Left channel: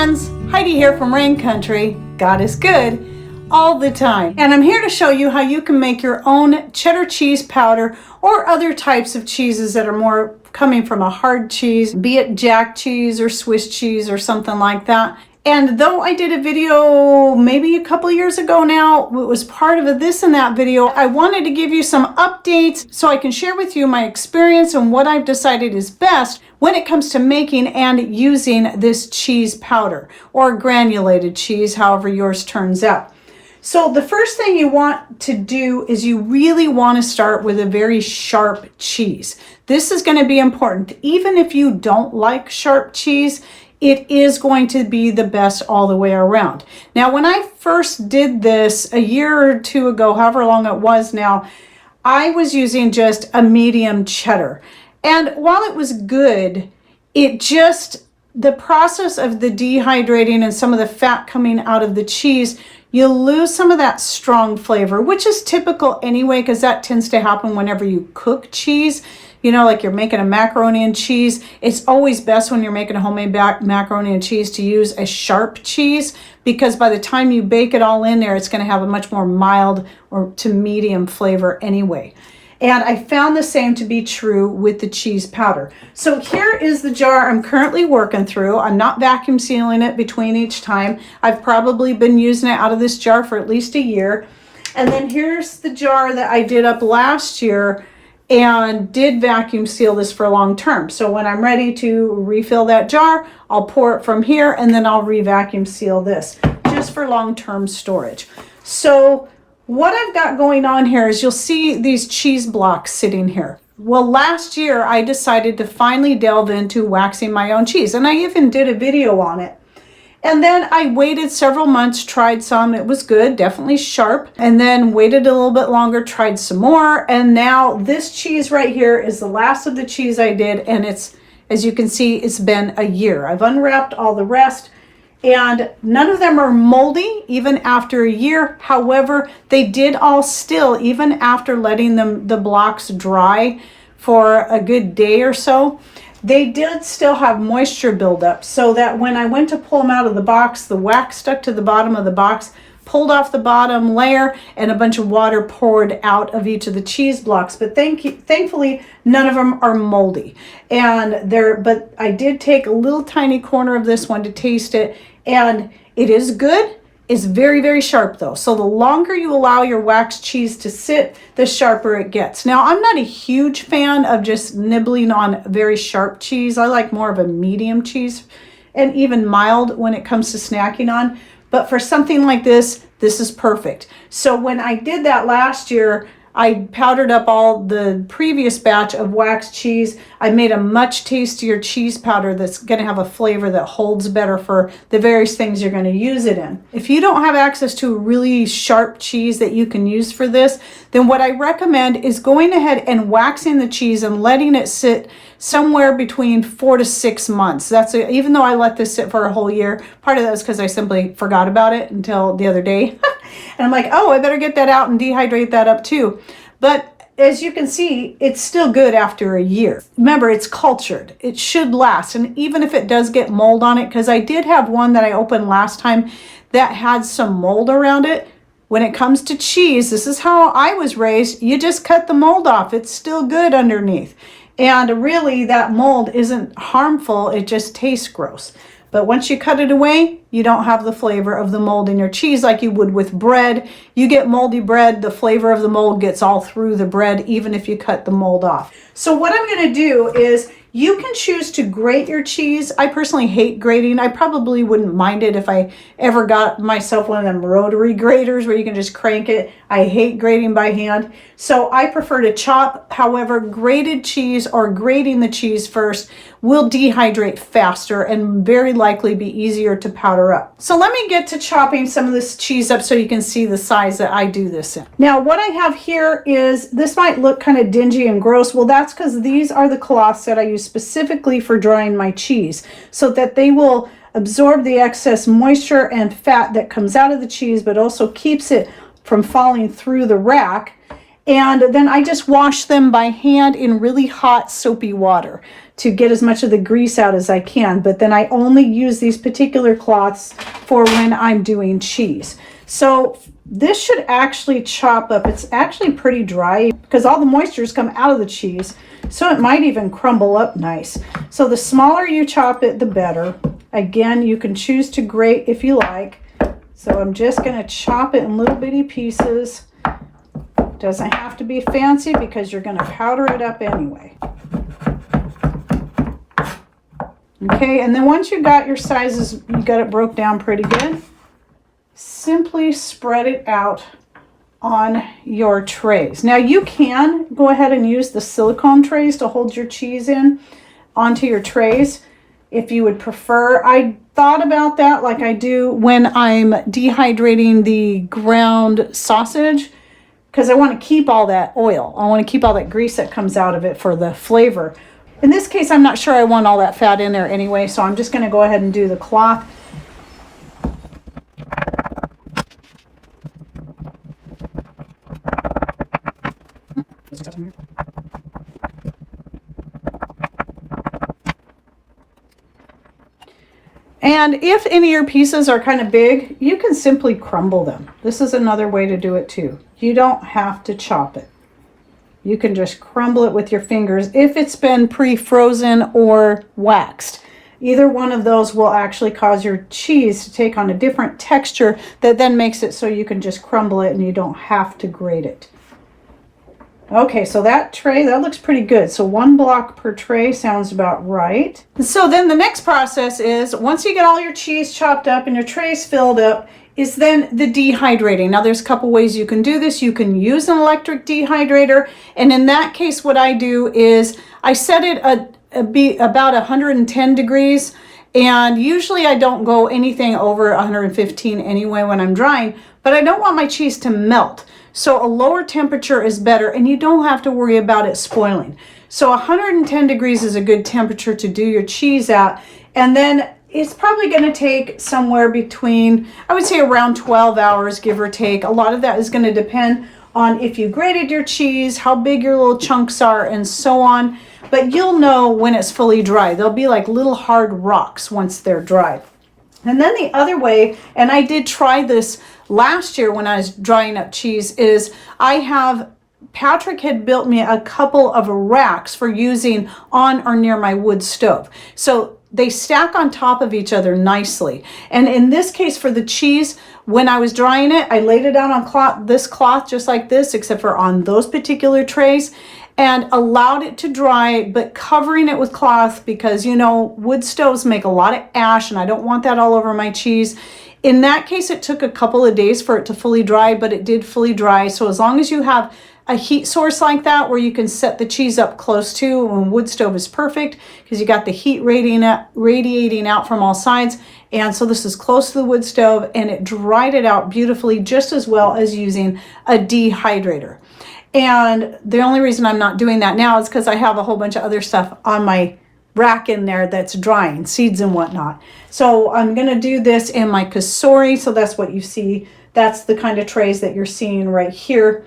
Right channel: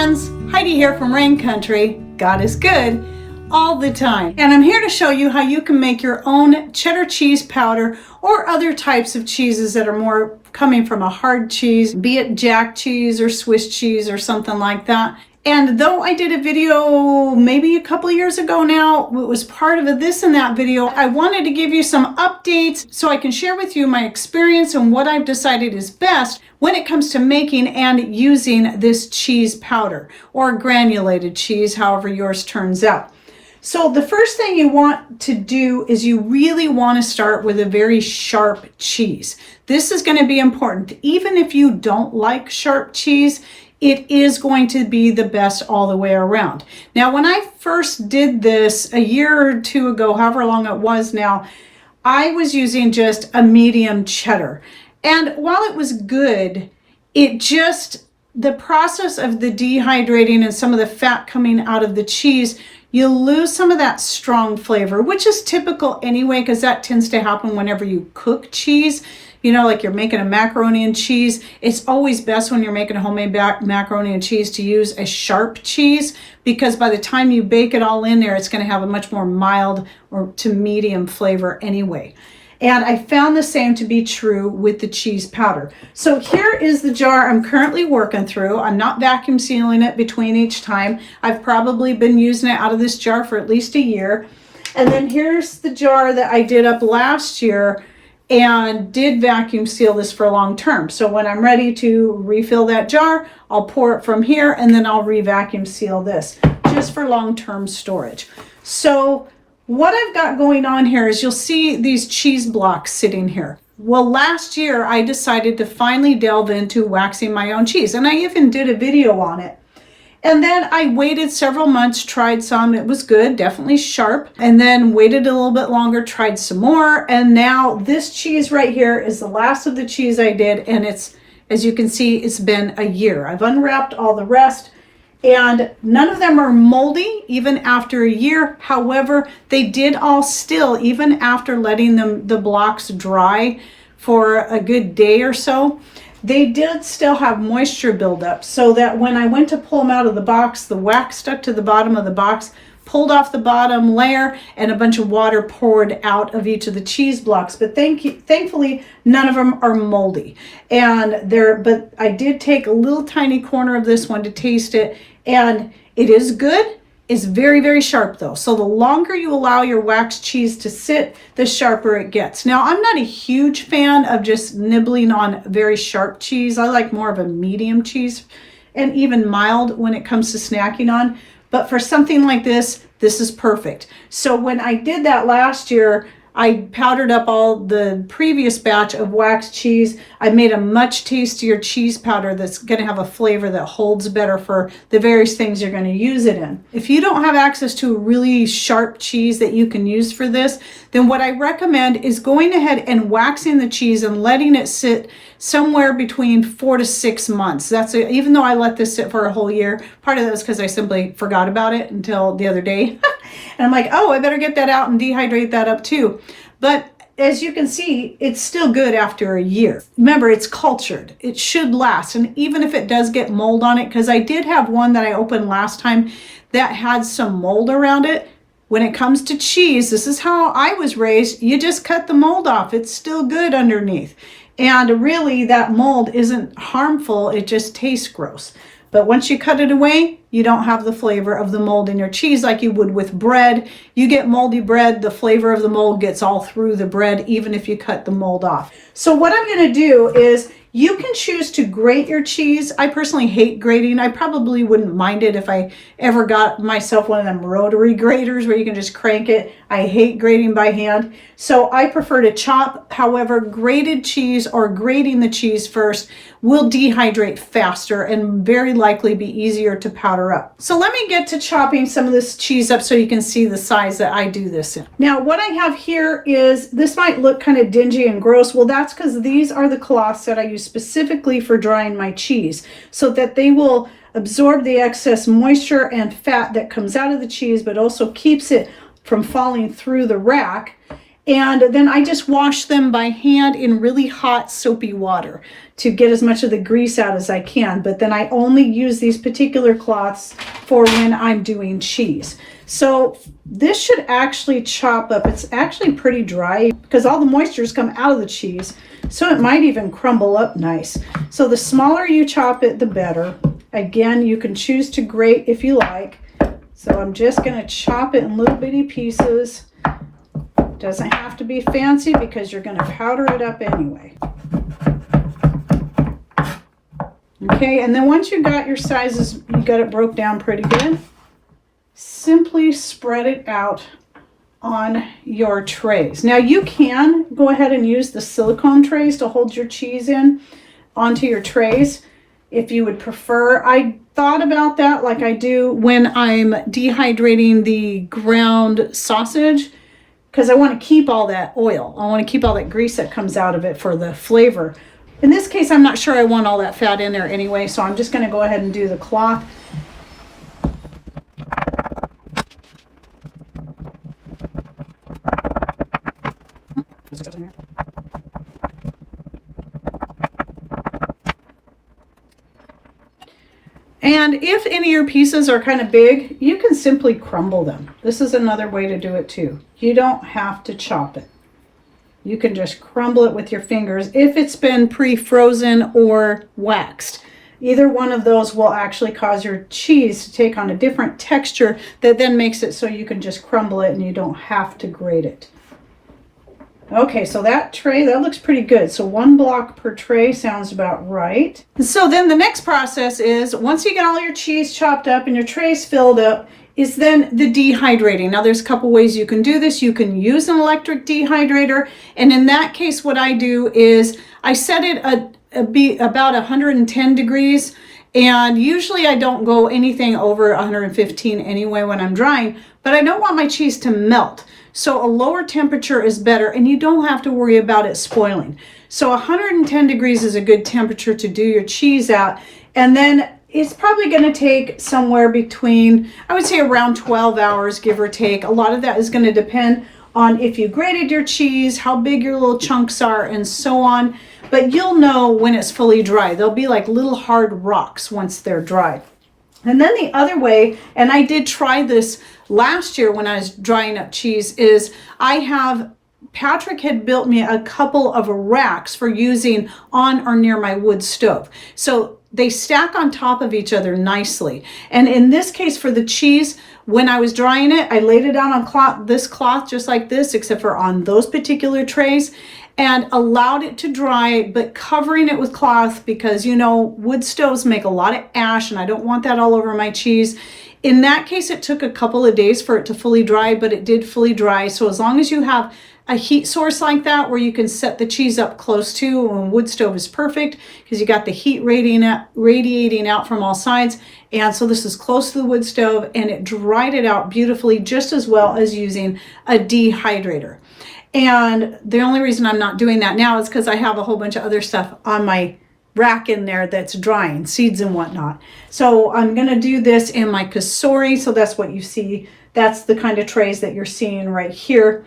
friends, Heidi here from Rain Country. God is good all the time. And I'm here to show you how you can make your own cheddar cheese powder or other types of cheeses that are more coming from a hard cheese, be it jack cheese or Swiss cheese or something like that. And though I did a video maybe a couple years ago now, it was part of this and that video, I wanted to give you some updates so I can share with you my experience and what I've decided is best when it comes to making and using this cheese powder or granulated cheese, however yours turns out. So the first thing you want to do is you really want to start with a very sharp cheese. This is going to be important. Even if you don't like sharp cheese, it is going to be the best all the way around. Now, when I first did this a year or two ago, however long it was now, I was using just a medium cheddar. And while it was good, the process of the dehydrating and some of the fat coming out of the cheese, you lose some of that strong flavor, which is typical anyway, because that tends to happen whenever you cook cheese. You know, like you're making a macaroni and cheese. It's always best when you're making a homemade macaroni and cheese to use a sharp cheese, because by the time you bake it all in there, it's going to have a much more mild or to medium flavor anyway. And I found the same to be true with the cheese powder. So here is the jar I'm currently working through. I'm not vacuum sealing it between each time. I've probably been using it out of this jar for at least a year. And then here's the jar that I did up last year and did vacuum seal this for long term. So when I'm ready to refill that jar, I'll pour it from here and then I'll re-vacuum seal this just for long-term storage. So what I've got going on here is you'll see these cheese blocks sitting here. Well, last year I decided to finally delve into waxing my own cheese, and I even did a video on it. And then I waited several months, tried some, it was good, definitely sharp, and then waited a little bit longer, tried some more, and now this cheese right here is the last of the cheese I did, and it's, as you can see, it's been a year. I've unwrapped all the rest, and none of them are moldy even after a year. However, they did all still, even after letting the blocks dry for a good day or so, they did still have moisture buildup, so that when I went to pull them out of the box, the wax stuck to the bottom of the box, pulled off the bottom layer, and a bunch of water poured out of each of the cheese blocks. But thankfully, none of them are moldy. But I did take a little tiny corner of this one to taste it, and it is good. It's very, very sharp though. So the longer you allow your waxed cheese to sit, the sharper it gets. Now, I'm not a huge fan of just nibbling on very sharp cheese. I like more of a medium cheese and even mild when it comes to snacking on. But for something like this, this is perfect. So when I did that last year, I powdered up all the previous batch of waxed cheese. I made a much tastier cheese powder that's going to have a flavor that holds better for the various things you're going to use it in. If you don't have access to a really sharp cheese that you can use for this, then what I recommend is going ahead and waxing the cheese and letting it sit somewhere between 4 to 6 months. Even though I let this sit for a whole year, part of that is because I simply forgot about it until the other day. And I'm like, oh, I better get that out and dehydrate that up too. But as you can see, it's still good after a year. Remember, it's cultured. It should last. And even if it does get mold on it, because I did have one that I opened last time that had some mold around it. When it comes to cheese, this is how I was raised. You just cut the mold off. It's still good underneath. And really, that mold isn't harmful. It just tastes gross. But once you cut it away, you don't have the flavor of the mold in your cheese like you would with bread. You get moldy bread, the flavor of the mold gets all through the bread, even if you cut the mold off. So what I'm going to do is, you can choose to grate your cheese. I personally hate grating. I probably wouldn't mind it if I ever got myself one of them rotary graters where you can just crank it. I hate grating by hand. So I prefer to chop. However, grated cheese or grating the cheese first will dehydrate faster and very likely be easier to powder up. So let me get to chopping some of this cheese up so you can see the size that I do this in. Now what I have here is, this might look kind of dingy and gross. Well, that's because these are the cloths that I use specifically for drying my cheese so that they will absorb the excess moisture and fat that comes out of the cheese, but also keeps it from falling through the rack. And then I just wash them by hand in really hot soapy water to get as much of the grease out as I can. But then I only use these particular cloths for when I'm doing cheese. So this should actually chop up. It's actually pretty dry because all the moisture's come out of the cheese. So it might even crumble up nice. So the smaller you chop it, the better. Again, you can choose to grate if you like. So I'm just going to chop it in little bitty pieces. Doesn't have to be fancy because you're going to powder it up anyway. Okay, and then once you got your sizes, you got it broke down pretty good, simply spread it out on your trays. Now you can go ahead and use the silicone trays to hold your cheese in onto your trays if you would prefer. I thought about that like I do when I'm dehydrating the ground sausage, because I want to keep all that oil. I want to keep all that grease that comes out of it for the flavor. In this case, I'm not sure I want all that fat in there anyway, so I'm just going to go ahead and do the cloth. And if any of your pieces are kind of big, you can simply crumble them. This is another way to do it too. You don't have to chop it. You can just crumble it with your fingers if it's been pre-frozen or waxed. Either one of those will actually cause your cheese to take on a different texture that then makes it so you can just crumble it and you don't have to grate it. Okay, so that tray, that looks pretty good. So 1 block per tray sounds about right. So then the next process is, once you get all your cheese chopped up and your trays filled up, is then the dehydrating. Now there's a couple ways you can do this. You can use an electric dehydrator. And in that case, what I do is I set it about 110 degrees. And usually I don't go anything over 115 anyway when I'm drying, but I don't want my cheese to melt. So a lower temperature is better and you don't have to worry about it spoiling. So 110 degrees is a good temperature to do your cheese at. And then it's probably going to take somewhere between, I would say around 12 hours, give or take. A lot of that is going to depend on if you grated your cheese, how big your little chunks are, and so on. But you'll know when it's fully dry. They'll be like little hard rocks once they're dry. And then the other way, and I did try this last year when I was drying up cheese, is Patrick had built me a couple of racks for using on or near my wood stove. So they stack on top of each other nicely. And in this case for the cheese, when I was drying it, I laid it down on this cloth just like this, except for on those particular trays, and allowed it to dry, but covering it with cloth because, you know, wood stoves make a lot of ash and I don't want that all over my cheese. In that case, it took a couple of days for it to fully dry, but it did fully dry. So as long as you have a heat source like that where you can set the cheese up close to, and wood stove is perfect because you got the heat radiating out from all sides. And so this is close to the wood stove and it dried it out beautifully, just as well as using a dehydrator. And the only reason I'm not doing that now is because I have a whole bunch of other stuff on my rack in there that's drying, seeds and whatnot. So I'm going to do this in my Kasori. So that's what you see. That's the kind of trays that you're seeing right here.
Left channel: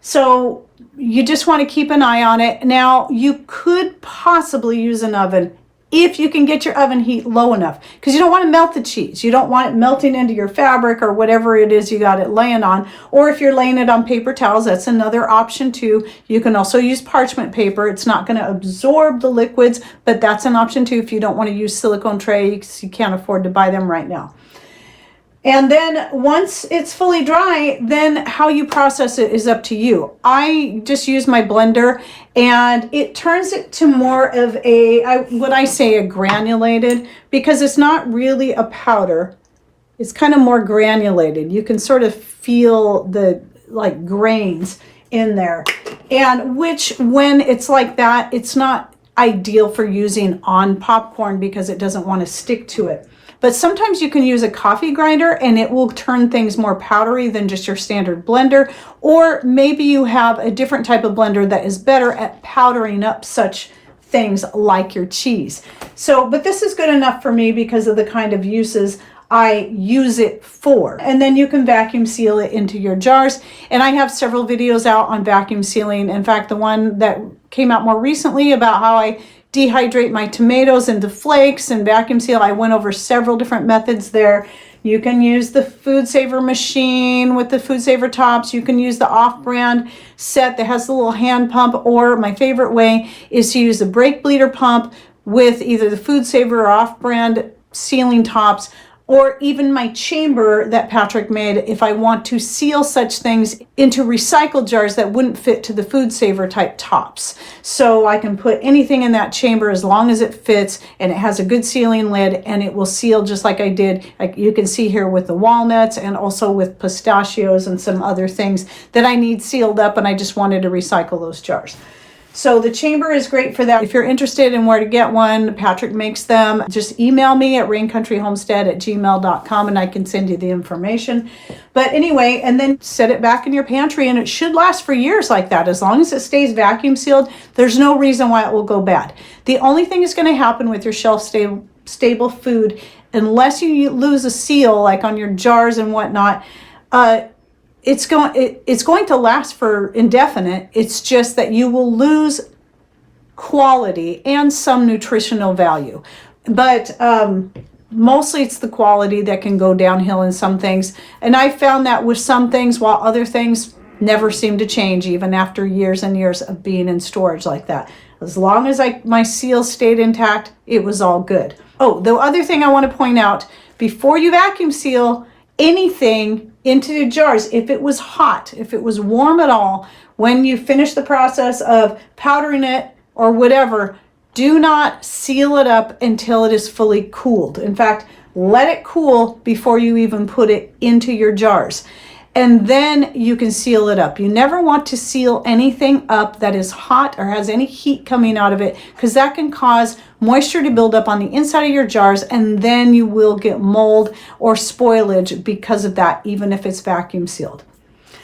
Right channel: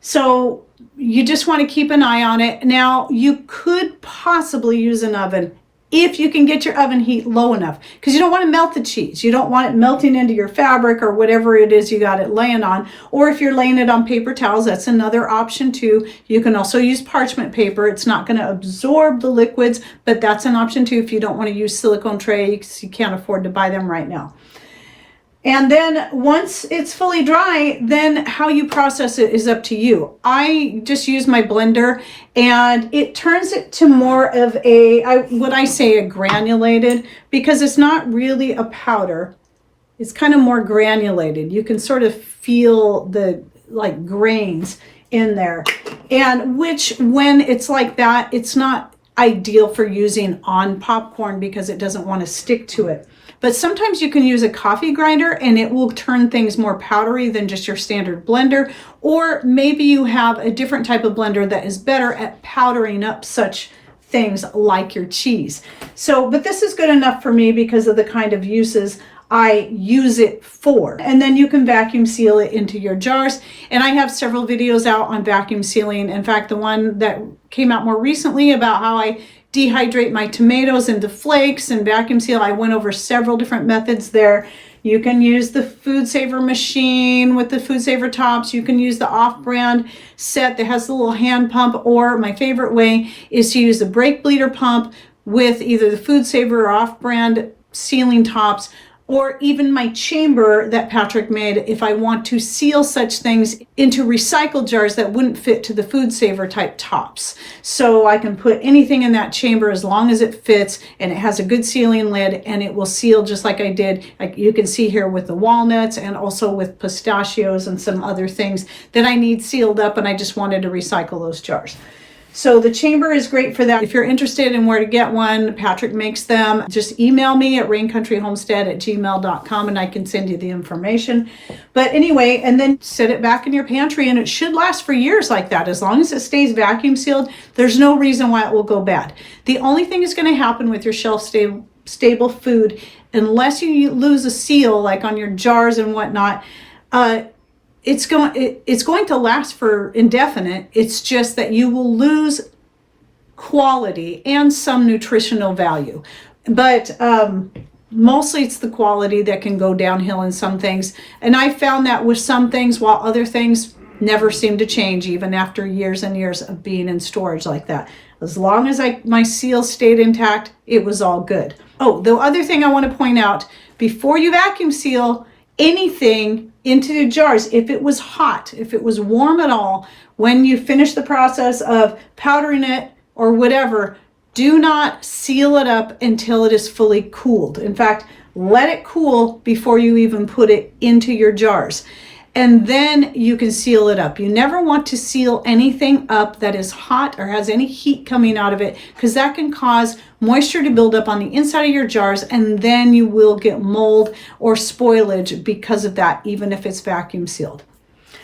So you just want to keep an eye on it. Now you could possibly use an oven if you can get your oven heat low enough, because you don't want to melt the cheese. You don't want it melting into your fabric or whatever it is you got it laying on. Or if you're laying it on paper towels, that's another option too. You can also use parchment paper. It's not going to absorb the liquids, but that's an option too if you don't want to use silicone trays. You can't afford to buy them right now. And then once it's fully dry, then how you process it is up to you. I just use my blender and it turns it to more of a granulated, because it's not really a powder. It's kind of more granulated. You can sort of feel the like grains in there. And which, when it's like that, it's not ideal for using on popcorn because it doesn't want to stick to it. But sometimes you can use a coffee grinder and it will turn things more powdery than just your standard blender. Or maybe you have a different type of blender that is better at powdering up such things like your cheese. So, but this is good enough for me because of the kind of uses I use it for. And then you can vacuum seal it into your jars. And I have several videos out on vacuum sealing. In fact, the one that came out more recently about how I dehydrate my tomatoes into flakes and vacuum seal, I went over several different methods there. You can use the Food Saver machine with the Food Saver tops. You can use the off-brand set that has the little hand pump, or my favorite way is to use the brake bleeder pump with either the Food Saver or off-brand sealing tops, or even my chamber that Patrick made if I want to seal such things into recycled jars that wouldn't fit to the Food Saver type tops. So I can put anything in that chamber as long as it fits and it has a good sealing lid, and it will seal just like I did. Like you can see here with the walnuts and also with pistachios and some other things that I need sealed up, and I just wanted to recycle those jars. So the chamber is great for that. If you're interested in where to get one, Patrick makes them. Just email me at raincountryhomestead@gmail.com and I can send you the information. But anyway, and then set it back in your pantry, and it should last for years like that. As long as it stays vacuum sealed, there's no reason why it will go bad. The only thing that's going to happen with your shelf stable food, unless you lose a seal like on your jars and whatnot, it's going to last for indefinite. It's just that you will lose quality and some nutritional value. But mostly it's the quality that can go downhill in some things. And I found that with some things, while other things never seem to change even after years and years of being in storage like that. As long as my seal stayed intact, it was all good. Oh, the other thing I want to point out, before you vacuum seal anything into the jars, if it was hot, if it was warm at all, when you finish the process of powdering it or whatever, do not seal it up until it is fully cooled. In fact, let it cool before you even put it into your jars. And then you can seal it up. You never want to seal anything up that is hot or has any heat coming out of it, because that can cause moisture to build up on the inside of your jars, and then you will get mold or spoilage because of that, even if it's vacuum sealed.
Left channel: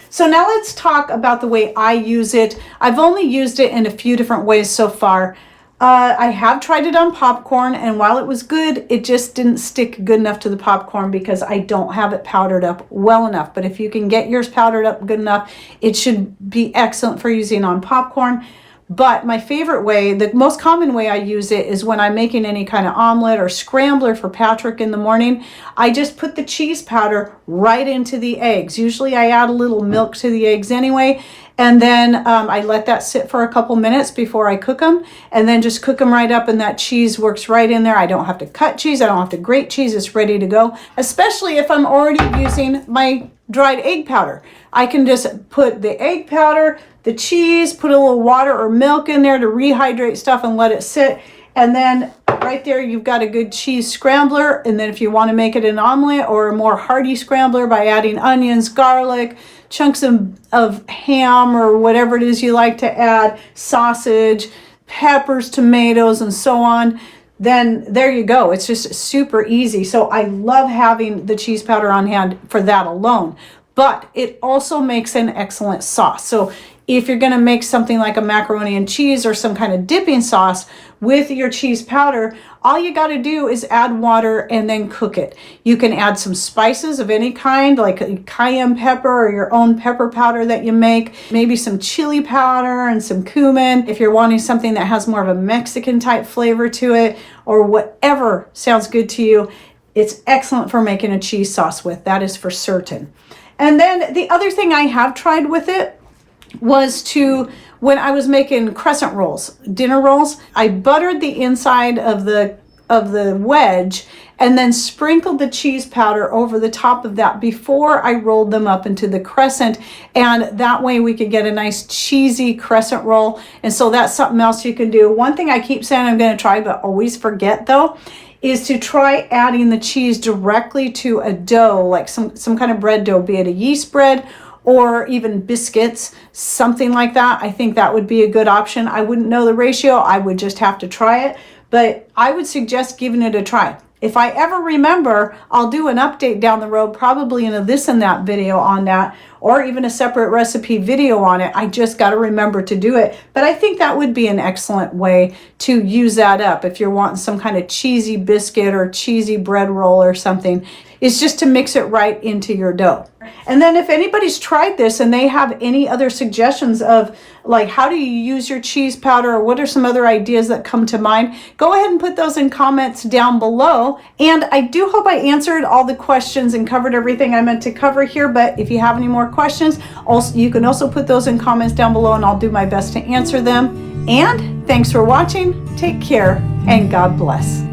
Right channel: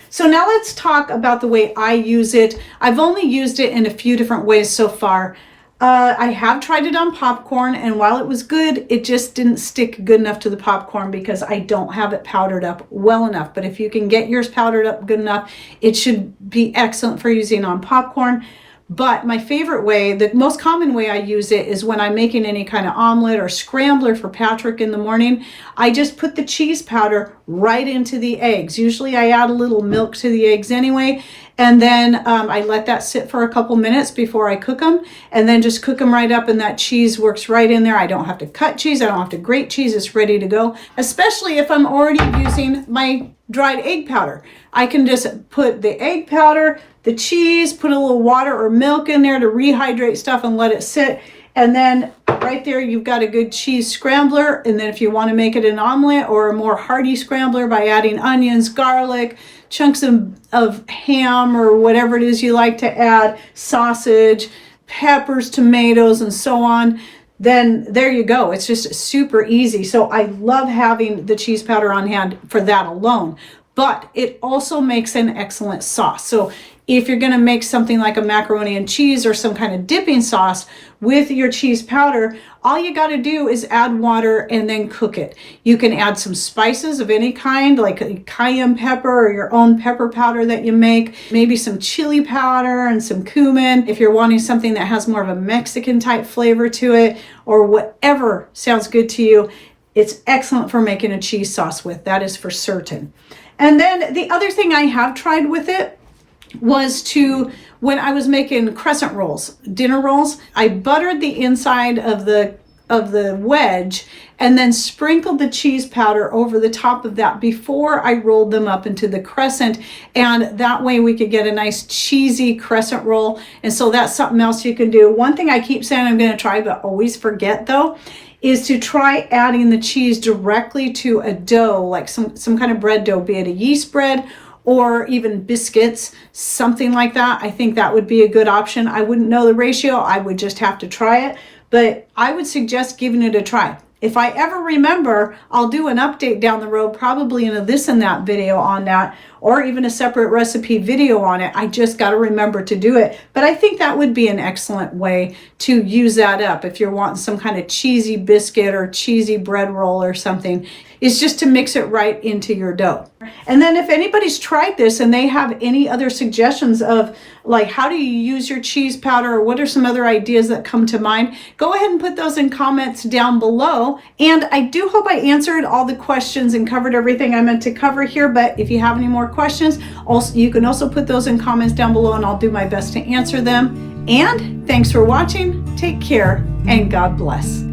So now let's talk about the way I use it. I've only used it in a few different ways so far. I have tried it on popcorn, and while it was good, it just didn't stick good enough to the popcorn because I don't have it powdered up well enough. But if you can get yours powdered up good enough, it should be excellent for using on popcorn. But my favorite way, the most common way I use it, is when I'm making any kind of omelet or scrambler for Patrick in the morning. I just put the cheese powder right into the eggs. Usually I add a little milk to the eggs anyway. And then I let that sit for a couple minutes before I cook them, and then just cook them right up, and that cheese works right in there. I don't have to cut cheese. I don't have to grate cheese. It's ready to go, especially if I'm already using my dried egg powder. I can just put the egg powder, the cheese, put a little water or milk in there to rehydrate stuff and let it sit. And then right there, you've got a good cheese scrambler. And then if you want to make it an omelet or a more hearty scrambler by adding onions, garlic, chunks of ham or whatever it is you like to add, sausage, peppers, tomatoes, and so on, then there you go. It's just super easy. So I love having the cheese powder on hand for that alone. But it also makes an excellent sauce. So if you're going to make something like a macaroni and cheese or some kind of dipping sauce with your cheese powder, all you got to do is add water and then cook it. You can add some spices of any kind, like a cayenne pepper or your own pepper powder that you make, maybe some chili powder and some cumin if you're wanting something that has more of a Mexican type flavor to it, or whatever sounds good to you. It's excellent for making a cheese sauce with, that is for certain. And then the other thing I have tried with it was when I was making crescent rolls, dinner rolls, I buttered the inside of the wedge and then sprinkled the cheese powder over the top of that before I rolled them up into the crescent. And that way we could get a nice cheesy crescent roll. And so that's something else you can do. One thing I keep saying I'm going to try, but always forget though, is to try adding the cheese directly to a dough, like some kind of bread dough, be it a yeast bread or even biscuits, something like that. I think that would be a good option. I wouldn't know the ratio. I would just have to try it, but I would suggest giving it a try. If I ever remember, I'll do an update down the road, probably in a this and that video on that, or even a separate recipe video on it. I just got to remember to do it. But I think that would be an excellent way to use that up if you're wanting some kind of cheesy biscuit or cheesy bread roll or something. is just to mix it right into your dough. And then if anybody's tried this and they have any other suggestions of like how do you use your cheese powder, or what are some other ideas that come to mind, go ahead and put those in comments down below. And I do hope I answered all the questions and covered everything I meant to cover here. But if you have any more questions, also you can also put those in comments down below and I'll do my best to answer them. And thanks for watching. Take care and God bless.